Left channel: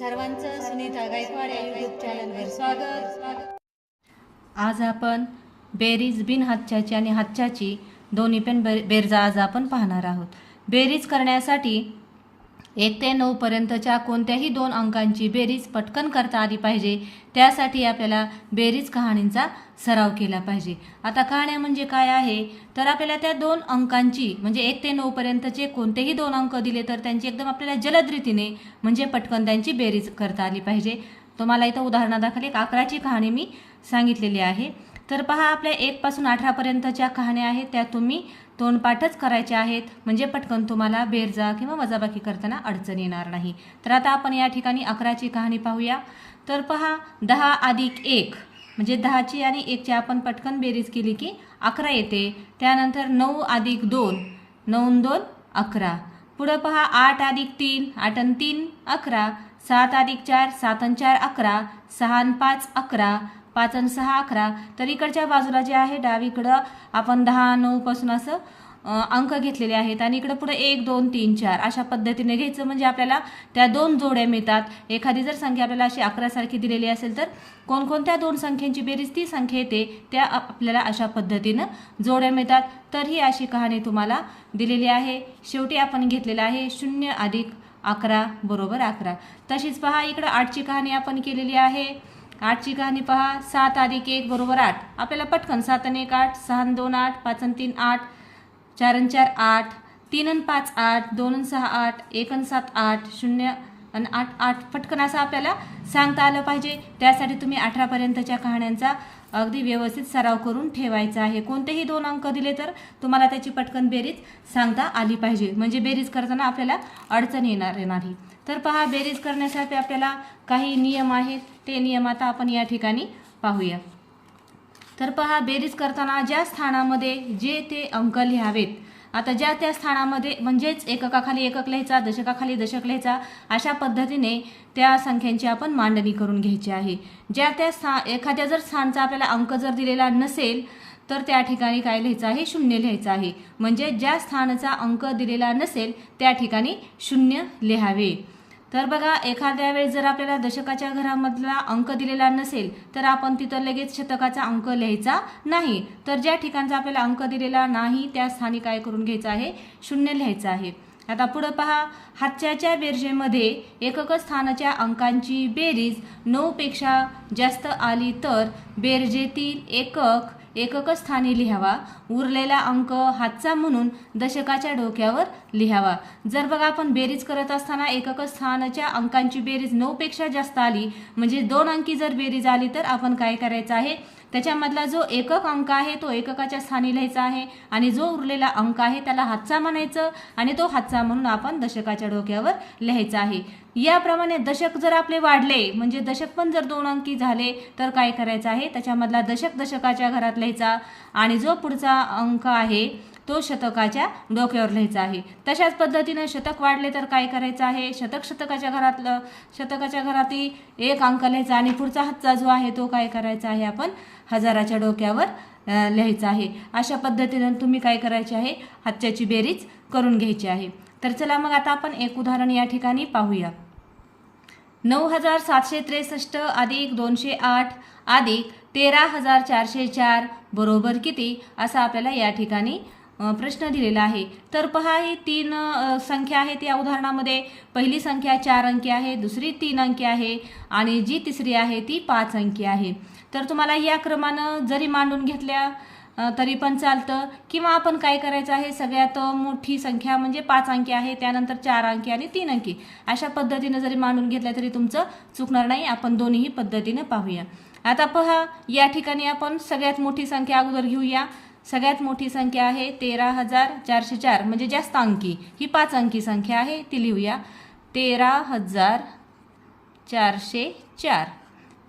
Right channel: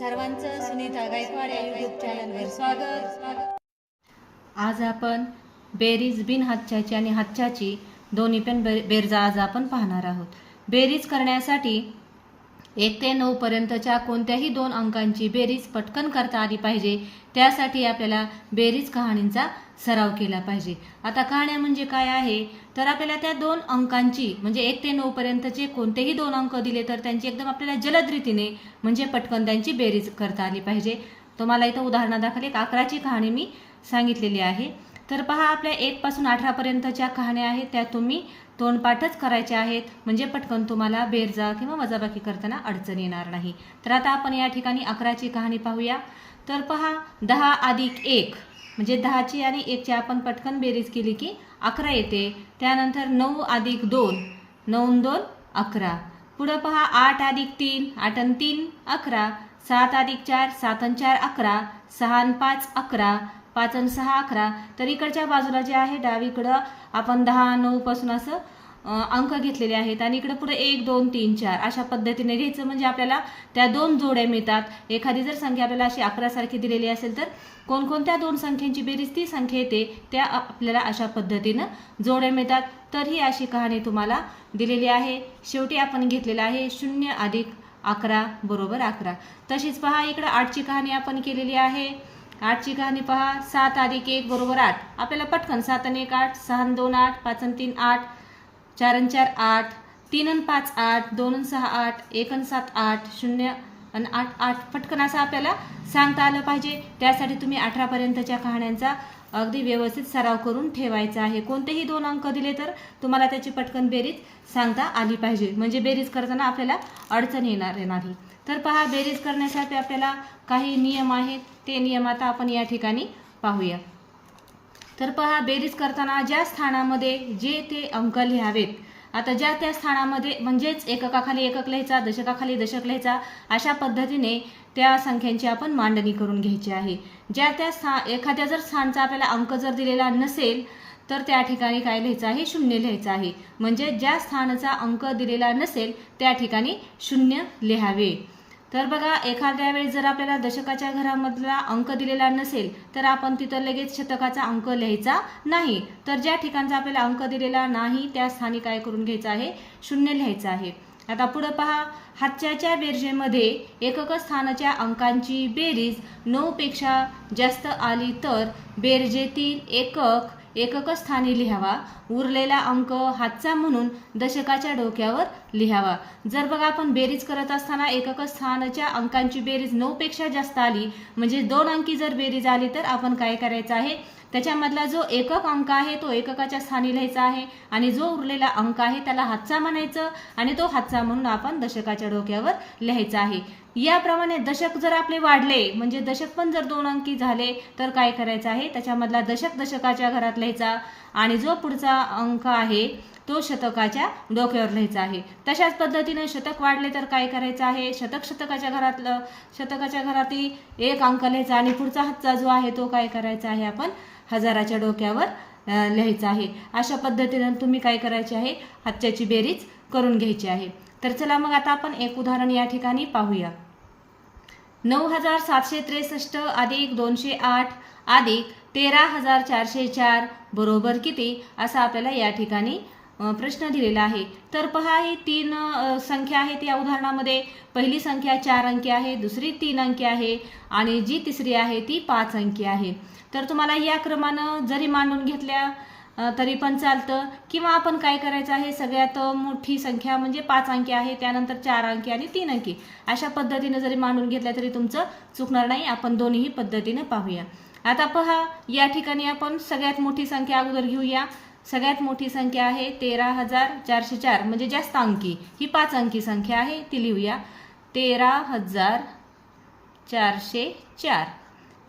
सर्वांचं सुनीता गायकवाड या युट्यूब चॅनलवर स्वागत. आज आपण बेरीज बिन हातच्याची आणि हातच्याची दोन्ही पण बे बेरजा आज आपण पाहणार आहोत. बेरीज करण्यासाठी एक ते नऊ पर्यंतच्या कोणत्याही दोन अंकांची बेरीज पटकन करता आली पाहिजे. त्यासाठी आपल्याला बेरीज कहाणींचा सराव केला पाहिजे. आता कहाण्या म्हणजे काय आहे? तर आपल्याला त्या दोन अंकांची म्हणजे एक ते नऊ पर्यंतचे कोणतेही दोन अंक दिले तर त्यांची एकदम आपल्याला जलद रीतीने म्हणजे पटकन त्यांची बेरीज करता आली पाहिजे. तुम्हाला इथं उदाहरणादाखल एक अकराची कहाणी मी सांगितलेली आहे. तर पहा आपल्या एकपासून अठरापर्यंतच्या कहाण्या आहेत. त्या तुम्ही तोंडपाठच करायचे आहेत. म्हणजे पटकन तुम्हाला बेरजा किंवा वजाबाकी करताना अडचण येणार नाही. तर आता आपण या ठिकाणी अकराची कहाणी पाहूया. तर पहा दहा अधिक एक. म्हणजे दहाची आणि एकची आपण पटकन बेरीज केली की अकरा येते. त्यानंतर नऊ अधिक दोन. नऊ दोन अकरा. पुढं पहा आठ अधिक तीन आठ आणि तीन अकरा. सात अधिक चार सात आणि चार अकरा. सहा आणि पाच अकरा. पाच आणि सहा अकरा. तर इकडच्या बाजूला जे आहे डावीकडं आपण दहा नऊपासून असं अंक घेतलेले आहेत आणि इकडं पुढे एक दोन तीन चार अशा पद्धतीने घ्यायचं म्हणजे आपल्याला त्या दोन जोड्या मिळतात. एखादी जर संख्या आपल्याला अशी अकरासारखी दिलेली असेल तर कोणकोणत्या दोन संख्यांची बेरीज ती संख्या येते त्या आपल्याला अशा पद्धतीनं जोड्या मिळतात. तर ही अशी कहाणी तुम्हाला दिलेली आहे. शेवटी आपण घेतलेलं आहे शून्य अधिक अकरा बरोबर अकरा. तशीच पहा इकडं आठची कहाणी आपण केलेली आहे. आठची कहाणी पहा सात अधिक एक बरोबर आठ. आपल्याला पटकन सात आणि एक आठ सहा दोन आठ पाच आणि तीन आठ. चार आणि चार आठ तीन आणि पाच आठ दोन आणि सहा आठ एक आणि सात आठ शून्य आणि आठ आठ. पटकन असं आपल्याला सांगता आलं पाहिजे. त्यासाठी तुम्ही अठरापर्यंतच्या कहाण्यांचा अगदी व्यवस्थित सराव करून ठेवायचा आहे. कोणतेही दोन अंक दिले तर तुम्हाला त्याची पटकन बेरीज सांगता आली पाहिजे. म्हणजे बेरीज करताना आपल्याला अडचण येणार नाही. तर पहा बेरीज करण्यासाठी आपल्याला काही नियम आहेत. ते नियम आता आपण या ठिकाणी पाहूया. तर पहा बेरीज करताना ज्या स्थानामध्ये जे ते अंक लिहावेत आता ज्या त्या स्थानामध्ये म्हणजेच एककाखाली एकक लिहायचा दशकाखाली दशक लिहायचा अशा पद्धतीने त्या संख्यांची आपण मांडणी करून घ्यायची आहे. ज्या त्या स्थान एखाद्या जर स्थानचा आपल्याला अंक जर दिलेला नसेल तर त्या ठिकाणी काय लिहायचं आहे? शून्य लिहायचं आहे. म्हणजे ज्या स्थानाचा अंक दिलेला नसेल त्या ठिकाणी शून्य लिहावे. तर बघा एखाद्या वेळेस जर आपल्याला दशकाच्या घरामधला अंक दिलेला नसेल तर आपण तिथं लगेच शतकाचा अंक लिहायचा नाही. तर ज्या ठिकाणचा आपल्याला अंक दिलेला नाही त्या स्थानी काय करून घ्यायचं आहे? शून्य लिहायचं आहे. आता पुढं पहा हातच्याच्या बेरजेमध्ये एकक स्थानाच्या अंकांची बेरीज नऊपेक्षा जास्त आली तर बेरजेतील एकक एकक स्थानी लिहावा. उरलेला अंक हातचा म्हणून दशकाच्या डोक्यावर लिहावा. जर बघा आपण बेरीज करत असताना एकक स्थानाच्या अंकांची बेरीज नऊपेक्षा जास्त आली म्हणजे दोन अंकी जर बेरीज आली तर आपण काय करायचं आहे? त्याच्यामधला जो एकक अंक आहे तो एककाच्या स्थानी लिहायचा आहे आणि जो उरलेला अंक आहे त्याला हातचा म्हणायचं आणि तो हातचा म्हणून आपण दशकाच्या डोक्यावर लिहायचा आहे. याप्रमाणे दशक जर आपले वाढले म्हणजे दशक पण जर दोन अंकी झाले तर काय करायचं आहे? त्याच्यामधला दशक दशकाच्या घरात लिहायचा आणि जो पुढचा अंक आहे तो शतकाच्या डोक्यावर लिहायचा आहे. तशाच पद्धतीने शतक वाढले तर काय करायचं आहे? शतक शतकाच्या घरातलं शतकाच्या घरातील एक अंक लिहायचा आणि पुढचा हातचा जो आहे तो काय करायचा आहे आपण हजाराच्या डोक्यावर लिहायचं आहे. अशा पद्धतीनं तुम्ही काय करायचे आहे? हातच्याची बेरीज करून घ्यायची आहे. तर चला मग आता आपण एक उदाहरण या ठिकाणी पाहूया. नऊ हजार सातशे त्रेसष्ट अधिक दोनशे आठ अधिक तेरा हजार चारशे चार बरोबर किती? असा आपल्याला या ठिकाणी प्रश्न दिलेला आहे. तर पहा ही तीन संख्या आहेत या उदाहरणामध्ये. पहिली संख्या चार अंकी आहे दुसरी तीन अंकी आहे आणि जी तिसरी आहे ती पाच अंकी आहे. तर तुम्हाला या क्रमानं जरी मांडून घेतल्या तरी पण चालतं. किंवा आपण काय करायचं आहे सगळ्यात मोठी संख्या म्हणजे पाच अंकी आहे त्यानंतर चार अंकी आणि तीन अंकी. अशा पद्धतीनं जरी मांडून घेतल्या तरी तुमचं चुकणार नाही. आपण दोन्ही पद्धतीनं पाहूया. आता पहा या ठिकाणी आपण सगळ्यात मोठी संख्या अगोदर घेऊया. सगळ्यात मोठी संख्या आहे तेरा हजार चारशे चार म्हणजे जास्त अंकी. ही पाच अंकी संख्या आहे ती लिहूया. तेरा हजार चारशे चार.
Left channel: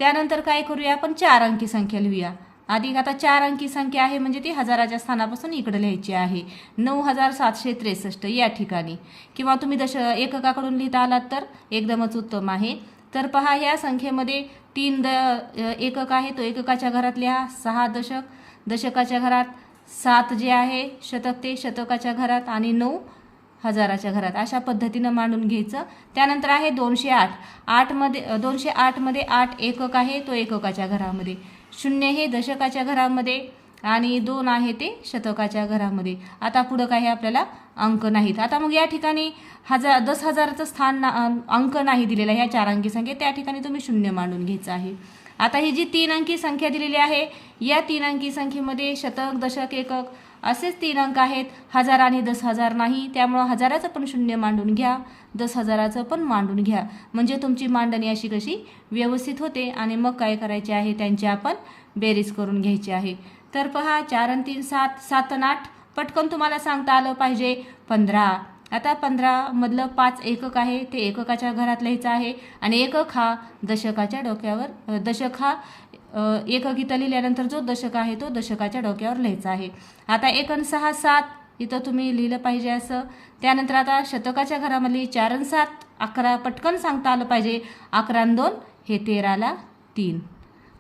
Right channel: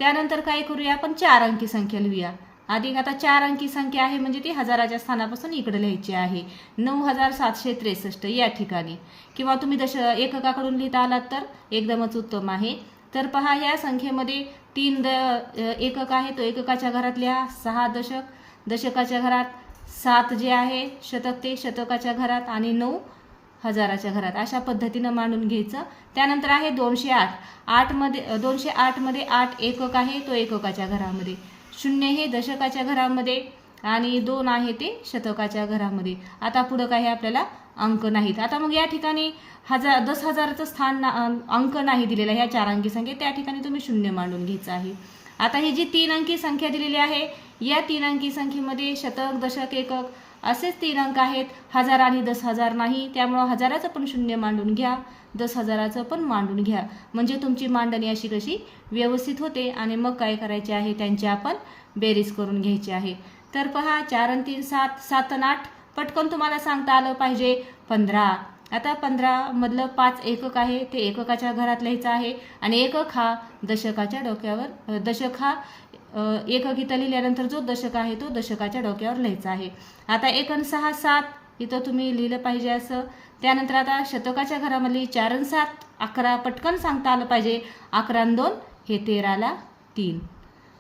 त्यानंतर काय करूया आपण? चार अंकी संख्या लिहूया. अधिक आता चार अंकी संख्या आहे म्हणजे ती हजाराच्या स्थानापासून इकडे लिहायची आहे. नऊ हजार सातशे त्रेसष्ट या ठिकाणी. किंवा तुम्ही दश एककाकडून लिहिता आलात तर एकदमच उत्तम आहे. तर पहा या संख्येमध्ये तीन द एकक आहे. तो एककाच्या घरात लिहा. सहा दशक. दशकाच्या घरात सात जे आहे शतक ते शतकाच्या घरात. आणि नऊ हजाराच्या घरात. अशा पद्धतीनं मांडून घ्यायचं. त्यानंतर आहे दोनशे आठ. आठमध्ये दोनशे आठमध्ये आठ एकक आहे तो एककाच्या घरामध्ये. शून्य हे दशकाच्या घरामध्ये आणि दोन आहे ते शतकाच्या घरामध्ये. आता पुढं काही आपल्याला अंक नाहीत. आता मग या ठिकाणी हजार दस हजाराचं स्थान ना अंक नाही दिलेला ह्या चार अंकी संख्या त्या ठिकाणी तुम्ही शून्य मांडून घ्यायचं आहे. आता ही जी तीन अंकी संख्या दिलेली आहे या तीन अंकी संख्येमध्ये शतक दशक एकक असेच तीन अंक आहेत. हजार आणि दस हजार नाही त्यामुळं हजाराचं पण शून्य मांडून घ्या. दस हजाराचं पण मांडून घ्या. म्हणजे तुमची मांडणी अशी कशी? व्यवस्थित होते आणि मग काय करायचे आहे? त्यांची आपण बेरीज करून घ्यायची आहे. तर पहा चार आणि तीन सात सात आणि आठ. पटकन तुम्हाला सांगता आलं पाहिजे. पंधरा. आता पंधरामधलं पाच एकक आहे. ते एककाच्या घरात लिहायचं आहे. आणि एकक हा दशकाच्या डोक्यावर दशक हा अ, लिहिल्यानंतर जो दशक आहे तो दशकाच्या डोक्यावर लिहायचा आहे. आता एक सहा सात इथं तुम्ही लिहिलं पाहिजे असं. त्यानंतर आता शतकाच्या घरामधली चार सात अकरा पटकन सांगता आलं पाहिजे. अकरा दोन हे तेराला तीन.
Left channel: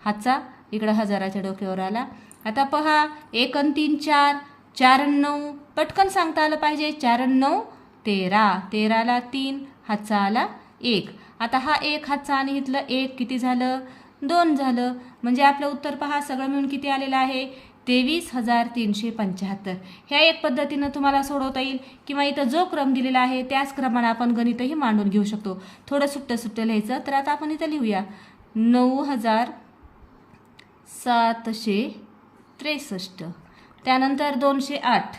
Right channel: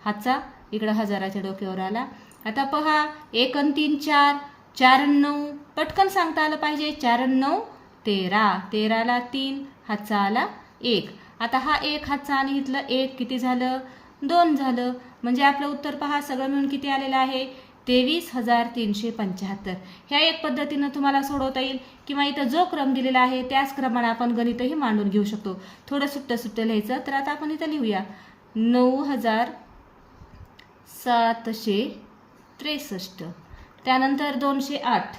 हातचा इकडं हजाराच्या डोक्यावर आला. आता पहा एक तीन चार चार नऊ पटकन सांगता आलं पाहिजे. चार नऊ तेरा तेराला तीन हातचा आला एक. आता हा एक हातचा आणि इथलं एक किती झालं? दोन झालं. म्हणजे आपलं उत्तर पहा सगळं मिळून किती आलेलं आहे? तेवीस हजार तीनशे पंच्याहत्तर. ह्या एक पद्धतीनं तुम्हाला सोडवता येईल किंवा इथं जो क्रम दिलेला आहे त्याच क्रमानं आपण गणितही मांडून घेऊ शकतो. थोडं सुट्टं सुट्टं लिहायचं तर आता आपण इथं लिहूया. नऊ हजार सातशे त्रेसष्ट. त्यानंतर दोनशे आठ.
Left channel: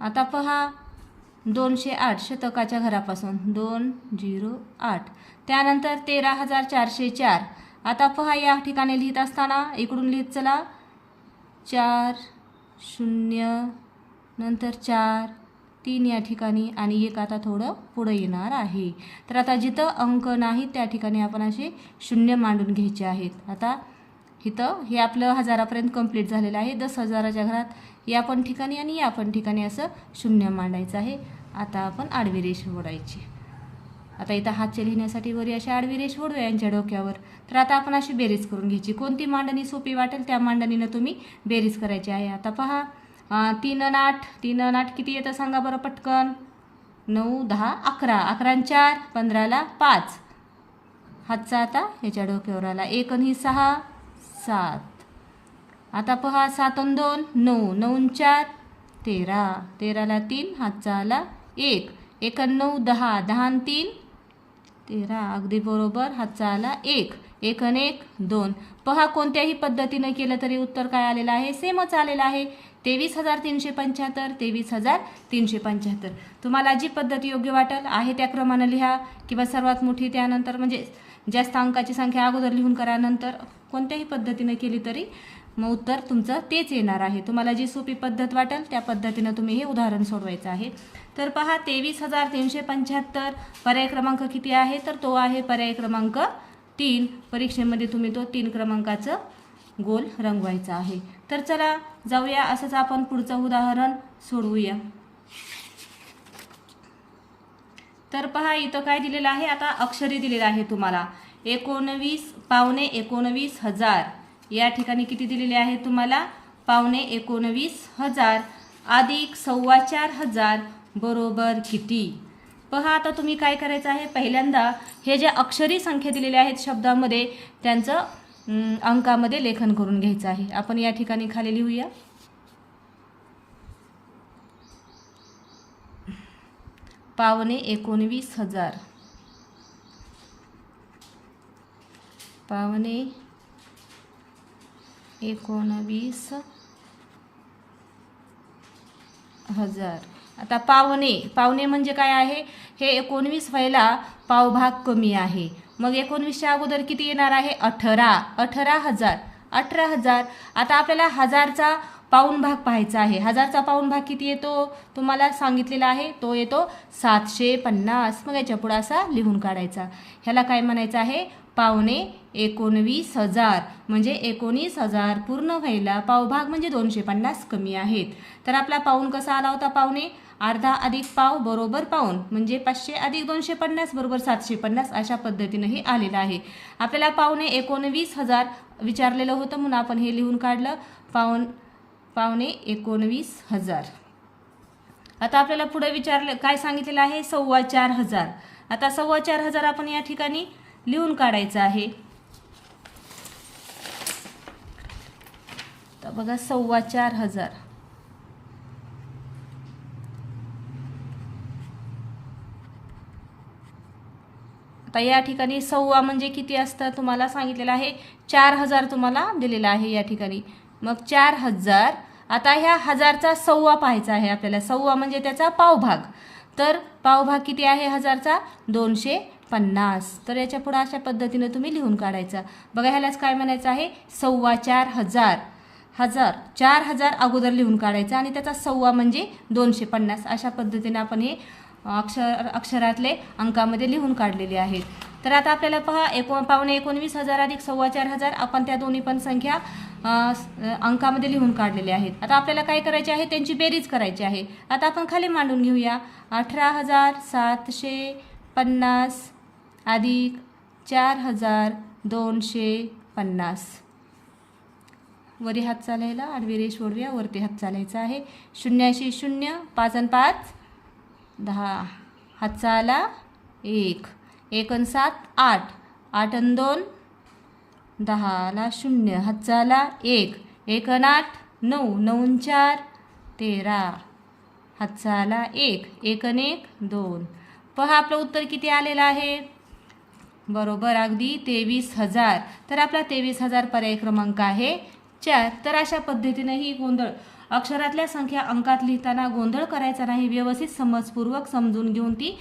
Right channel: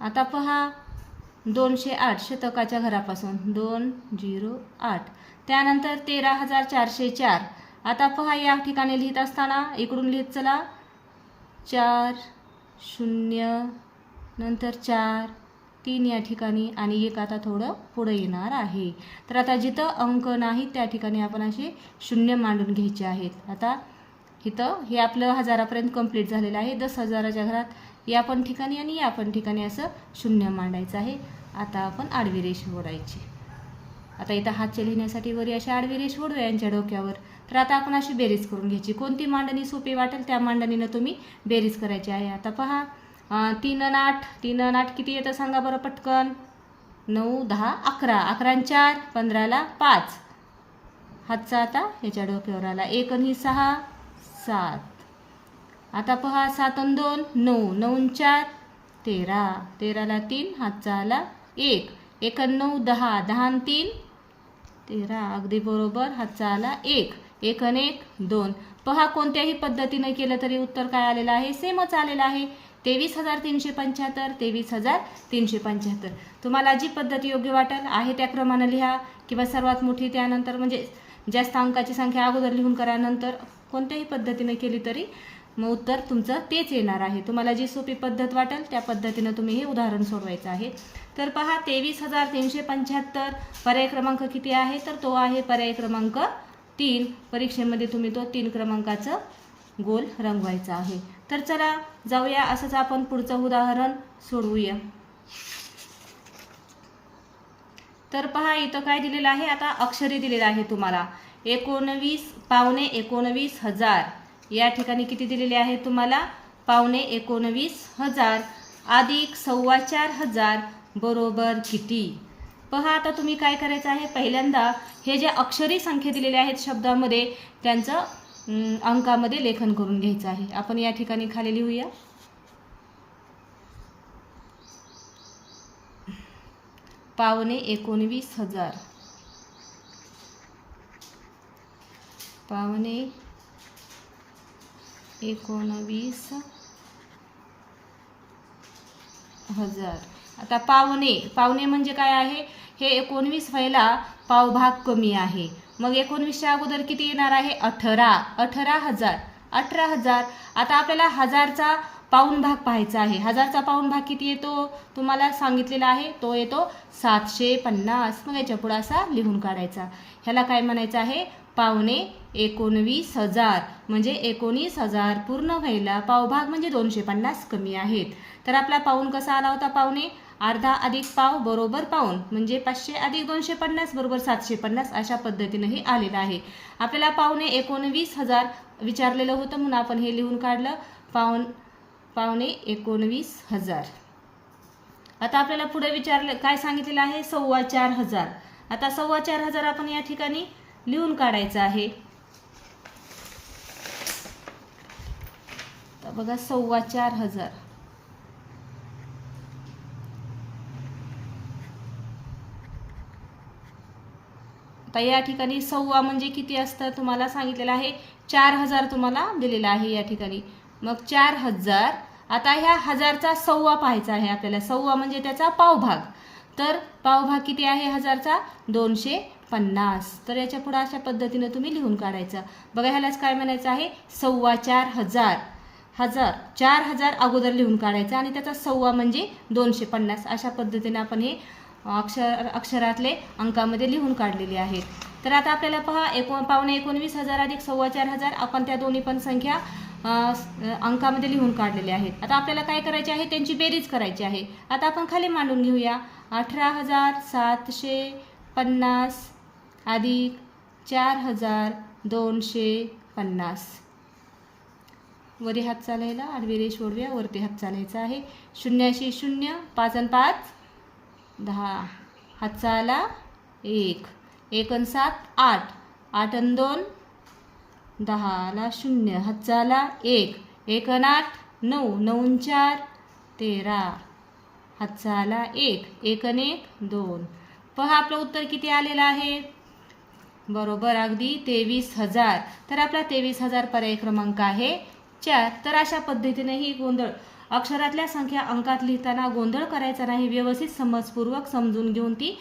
आता पहा दोनशे आठ शतकाच्या घरापासून. दोन झिरो आठ. त्यानंतर तेरा हजार चारशे चार. आता पहा या ठिकाणी लिहित असताना इकडून लिहित चला. चार शून्य नंतर चार तीन या ठिकाणी आणि एक आता थोडं पुढं येणार आहे. तर आता जिथं अंक नाही त्या ठिकाणी आपण असे शून्य मांडून घ्यायचे आहेत. आता इथं हे आपलं हजारापर्यंत कंप्लीट झालेलं आहे. दस हजाराच्या घरात या पण ठिकाणी आणि या पण ठिकाणी असं शून्य मांडायचं आहे. आता आपण आडवी रेष ओढायची. आता इथं हातचे लिहिण्यासाठी वरी अशी आडवी रेष ओढूया यांच्या डोक्यावर. तर आता आपण अशी बेरीज करून घ्यायची. कोणती मांडणी सोपी वाटेल त्या मांडणीनं तुम्ही बेरीज करायची आहे. आता पहा तीन अन आठ. तीन अन आठ किती येतं सांगा बरं पटकन. नऊ दहा अकरा. अकरा आणि चार पंधराला पाच. हातचा आता याच्या डोक्यावर आला. एक आणि सहा सात. आता पहा सात अन दोन नऊ. नऊ चार तेरा. तेराला तीन हातचा आला एक. एक नऊ दहा. दहा तीन तेरा. अगदी बरोबर. हातचा आला एक. एक आणि एक दोन. पहा कोणत्याही पद्धतीनं केलं तरी उत्तर काय आलेलं आहे? सेमच आलेलं आहे. तेवीस हजार तीनशे पंच्याहत्तर तेवीस हजार तीनशे पंच्याहत्तर. तुम्हाला जी पद्धत योग्य वाटेल आहे त्या क्रमानं लिहा किंवा सर्वात मोठी त्यानंतर म्हणजे जास्त अंकाची संख्या अगोदर लिहून करा. नंतर कोणत्याही पद्धतीनं केली तरी मग उत्तर तुमचं तेच येणार आहे. तुम्हाला जी सोपी पद्धत वाटेल त्या पद्धतीनं तुम्ही हे उदाहरण सोडवायचं आहे. तर पहा तेवीस हजार तीनशे पंच्याहत्तर पर्याय क्रमांक किती आहे? तर तो आहे पर्याय क्रमांक तीन. परीक्षेमध्ये तुम्ही तो तीन क्रमांकाचं गोल रंगवायचा आहे. तर चला जाऊया. असंच आपण पुढचं उदाहरण सोडवूया. तर पहा इथं काय दिलेलं आहे? आता अक्षरे दिलेलं आहे तुम्हाला. एकोणवीस पावणे एकोणवीस हजार. या ठिकाणी किती दिलेले आहे तुम्हाला? पावणे एकोणवीस हजार. अधिक सव्वा चार हजार बरोबर किती? पहा आता तुम्ही काय करायचं आहे? पहिल्यांदा हे जे अक्षरी संख्या दिलेल्या आहेत शब्दामध्ये त्यांचं अंकामध्ये लेखन करून घ्यायचं आहे. आपण या ठिकाणी खाली लिहूया. पावणे एकोणवीस हजार. पावणे एकोणवीस हजार. आता पावणे. पावणे म्हणजे काय आहे? हे एकोणवीस व्हायला पावभाग कमी आहे. मग एकोणवीसच्या अगोदर किती येणार आहे? अठरा. अठरा हजार. अठरा हजार. आता आपल्याला हजारचा पाऊण भाग पाहायचा आहे. हजारचा पाऊण भाग किती येतो? तुम्हाला सांगितलेला आहे. तो येतो सातशे पन्नास. मग याच्या पुढं असा लिहून काढायचा. ह्याला काय म्हणायचं आहे? पावणे एकोणवीस हजार. म्हणजे एकोणीस हजार पूर्ण व्हायला पावभाग म्हणजे दोनशे पन्नास कमी आहेत. तर आपला पाऊण कसा आला होता पावणे? अर्धा अधिक पाव बरोबर पाऊण म्हणजे पाचशे अधिक दोनशे पन्नास बरोबर सातशे पन्नास अशा पद्धतीनंही आलेलं आहे. आपल्याला पावणे एकोणवीस हजार विचारलेलं होतं म्हणून आपण हे लिहून काढलं. पाऊण पावणे एकोणवीस हजार. आता आपल्याला पुढे विचारलं काय सांगितलेलं आहे? सव्वा चार हजार. आता सव्वा चार हजार आपण या ठिकाणी लिहून काढायचं आहे. तर बघा सव्वा चार हजार. आता या ठिकाणी सव्वा म्हणजे किती असतं? तुम्हाला सांगितलेलं आहे चार हजार तुम्हाला दिलेला आहे या ठिकाणी. मग चार हजार आता ह्या हजारचा सव्वा पाहायचा आहे आपल्याला. सव्वा म्हणजे त्याचा पावभाग. तर पावभाग किती आहे हजारचा? दोनशे पन्नास. तर याच्यापुढं अशा पद्धतीने तुम्ही लिहून काढायचा. बघा ह्यालाच काय म्हणायचं आहे? सव्वा चार हजार. हजार. चार हजार अगोदर लिहून काढायचा आणि त्याचा सव्वा म्हणजे दोनशे पन्नास. अशा पद्धतीने आपण हे अक्षर अक्षरातले अंकामध्ये लिहून काढलेले आहे. तर आता आपल्याला पहा एको पावणे एकोणवीस हजार अधिक सव्वा चार हजार आपण त्या दोन्ही पण संख्या अंकामध्ये लिहून काढलेले आहेत. आता आपल्याला काय करायचे आहे? त्यांची बेरीज करायची आहे. आता आपण खाली मांडून घेऊया. अठरा हजार सातशे पन्नास अधिक चार हजार दोनशे पन्नास. वरी हात चालायला आडवी रेष ओढव्या वरती हात चालायचा आहे. शून्याशी शून्य पाच आणि पाच दहा. हातचा आला एक. एक आणि सात आठ. आठ आणि दोन दहाला शून्य. हातचा आला एक. एक आणि आठ नऊ. नऊ चार तेरा. हातचा आला एक. एक आणि एक दोन. पहा आपलं उत्तर किती आलेलं आहे? बरोबर अगदी तेवीस हजार. तर आपला तेवीस हजार पर्याय क्रमांक आहे चार. तर अशा पद्धतीने ही गोंधळ अक्षरातल्या संख्या अंकात लिहिताना गोंधळ करायचा नाही व्यवस्थित समजपूर्वक समजून घेऊन ती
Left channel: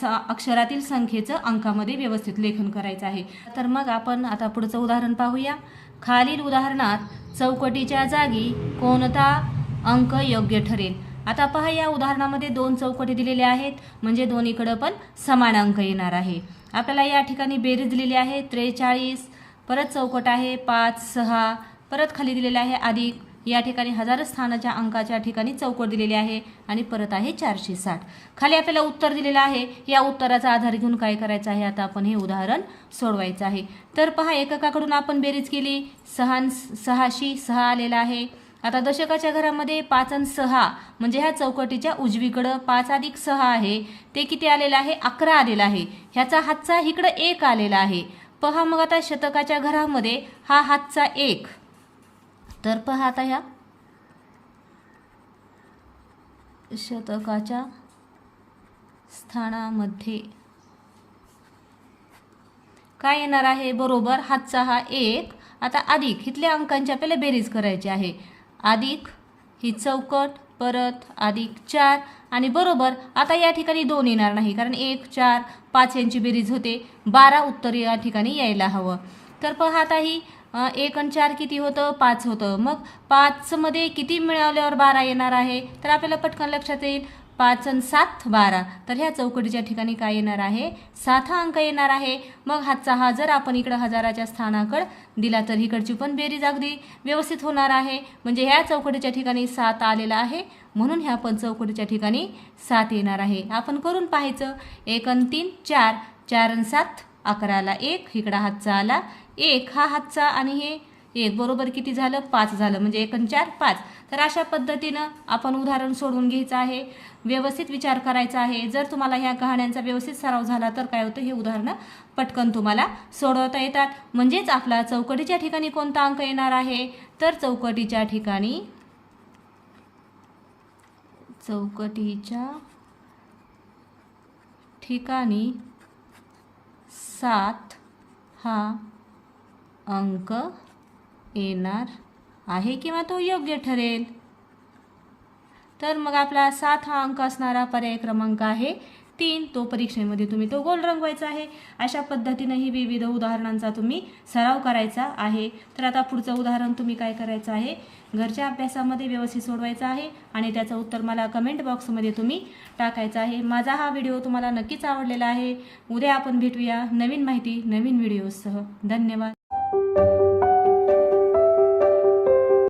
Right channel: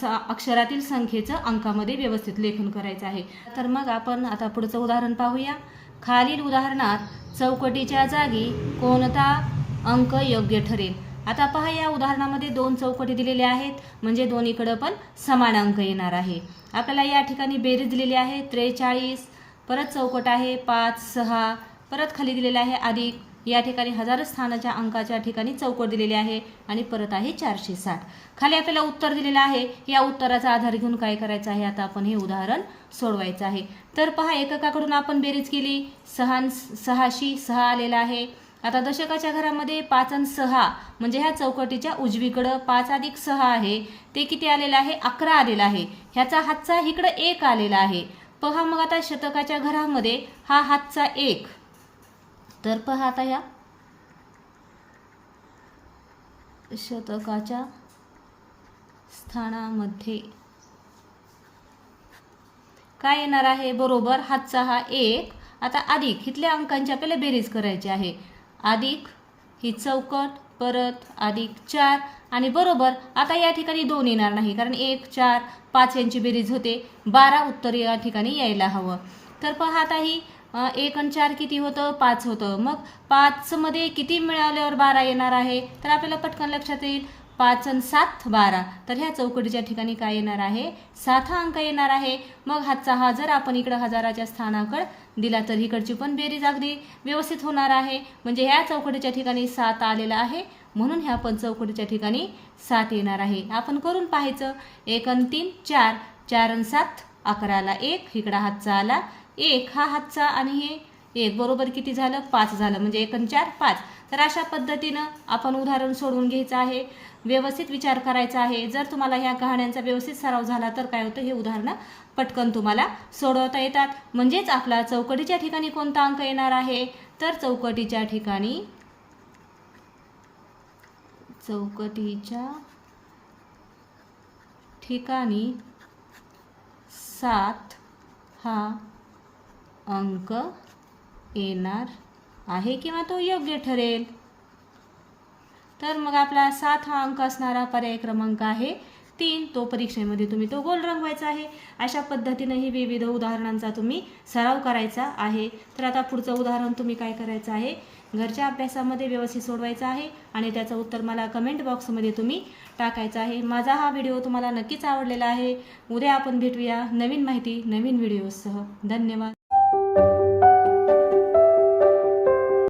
स अक्षरातील संख्येचं अंकामध्ये व्यवस्थित लेखन करायचं आहे. तर मग आपण आता पुढचं उदाहरण पाहूया. खालील उदाहरणात चौकटीच्या जागी कोणता अंक योग्य ठरेल? आता पहा या उदाहरणामध्ये दोन चौकटी दिलेल्या आहेत. म्हणजे दोन्हीकडं पण समान अंक येणार आहे. आपल्याला या ठिकाणी बेरीज दिलेली आहे. त्रेचाळीस परत चौकट आहे. पाच सहा परत खाली दिलेलं आहे. अधिक या ठिकाणी हजार स्थानाच्या अंकाच्या ठिकाणी चौकट दिलेली आहे आणि परत आहे चारशे साठ. खाली आपल्याला उत्तर दिलेलं आहे. या उत्तराचा आधार घेऊन काय करायचं आहे? आता आपण हे उदाहरण सोडवायचं आहे. तर पहा एककाकडून आपण बेरीज केली. सहा सहाशी सहा आलेला आहे. आता दशकाच्या घरामध्ये पाच आणि सहा म्हणजे ह्या चौकटीच्या उजवीकडं पाच अधिक सहा आहे ते किती आलेलं आहे? अकरा आलेला आहे. ह्याचा हातचा इकडं एक आलेला आहे. पहा मग आता शतकाच्या घरामध्ये हा हातचा एक. तर पहा आता या शतकाच्या स्थानामध्ये. काय येणार आहे? बरोबर हातचा हा एक. आता अधिक इथल्या अंकांची आपल्याला बेरीज करायची आहे. अधिक ही चौकट परत अधिक चार आणि बरोबर आता या ठिकाणी दोन येणार नाही कारण एक चार पाच यांची बेरीज होते. बारा उत्तर या ठिकाणी यायला हवं. तर पहा आता ही एक आणि चार किती होतं? पाच होतं. मग पाचमध्ये किती मिळाल्यावर बारा येणार आहे? तर आपल्याला पटकन लक्षात येईल. पाच आणि सात बारा. तर ह्या चौकटीच्या ठिकाणी काय येणार आहे? सात हा अंक येणार आहे. मग हातचा हा जर आपण इकडं हजाराच्या स्थानाकडे दिला तर इकडची पण बेरीज अगदी व्यवस्थित होणार आहे. म्हणजे ह्या चौकटीच्या ठिकाणी सात आलेला आहे. म्हणून ह्या पण चौकटीच्या ठिकाणी सात येणार आहे. आपण करून पाहायचं. एक आणि तीन चार. चार आणि सात अकराला एक. इकडा हातचा आला. एक हा हातचा आणि हे एक. बरोबर किती झालं? पाच झालं. म्हणजे एक आणि चार पाच. तर अशा पद्धतीनं आपण उदाहरण सोडवून घ्यायचं आहे. व्यवस्थित विचार करायचा आहे. जर तुम्हाला ह्या कहाण्यांचा व्यवस्थित सराव झाला तर काय होतं? हे उदाहरणं पटकन तुम्हाला सोडवता येतात. म्हणजेच आपला चौकटीच्या ठिकाणी कोणता अंक येणार आहे? तर चौकटीच्या ठिकाणी चौकटीच्या ठिकाणी सात हा अंक येणार आहे किंवा तो योग्य ठरेल. तर मग आपला सात हा अंक असणारा पर्याय क्रमांक आहे तीन. तो परीक्षेमध्ये तुम्ही तो गोल रंगवायचा आहे. अशा पद्धतीनंही विविध उदाहरणांचा तुम्ही सराव करायचा आहे. तर आता पुढचं उदाहरण तुम्ही काय करायचं आहे? घरच्या अभ्यासामध्ये व्यवस्थित सोडवायचं आहे आणि त्याचं उत्तर मला कमेंट बॉक्समध्ये तुम्ही टाकायचं आहे. माझा हा व्हिडिओ तुम्हाला नक्कीच आवडलेला आहे. उद्या आपण भेटूया नवीन माहिती नवीन व्हिडिओसह धन्यवाद.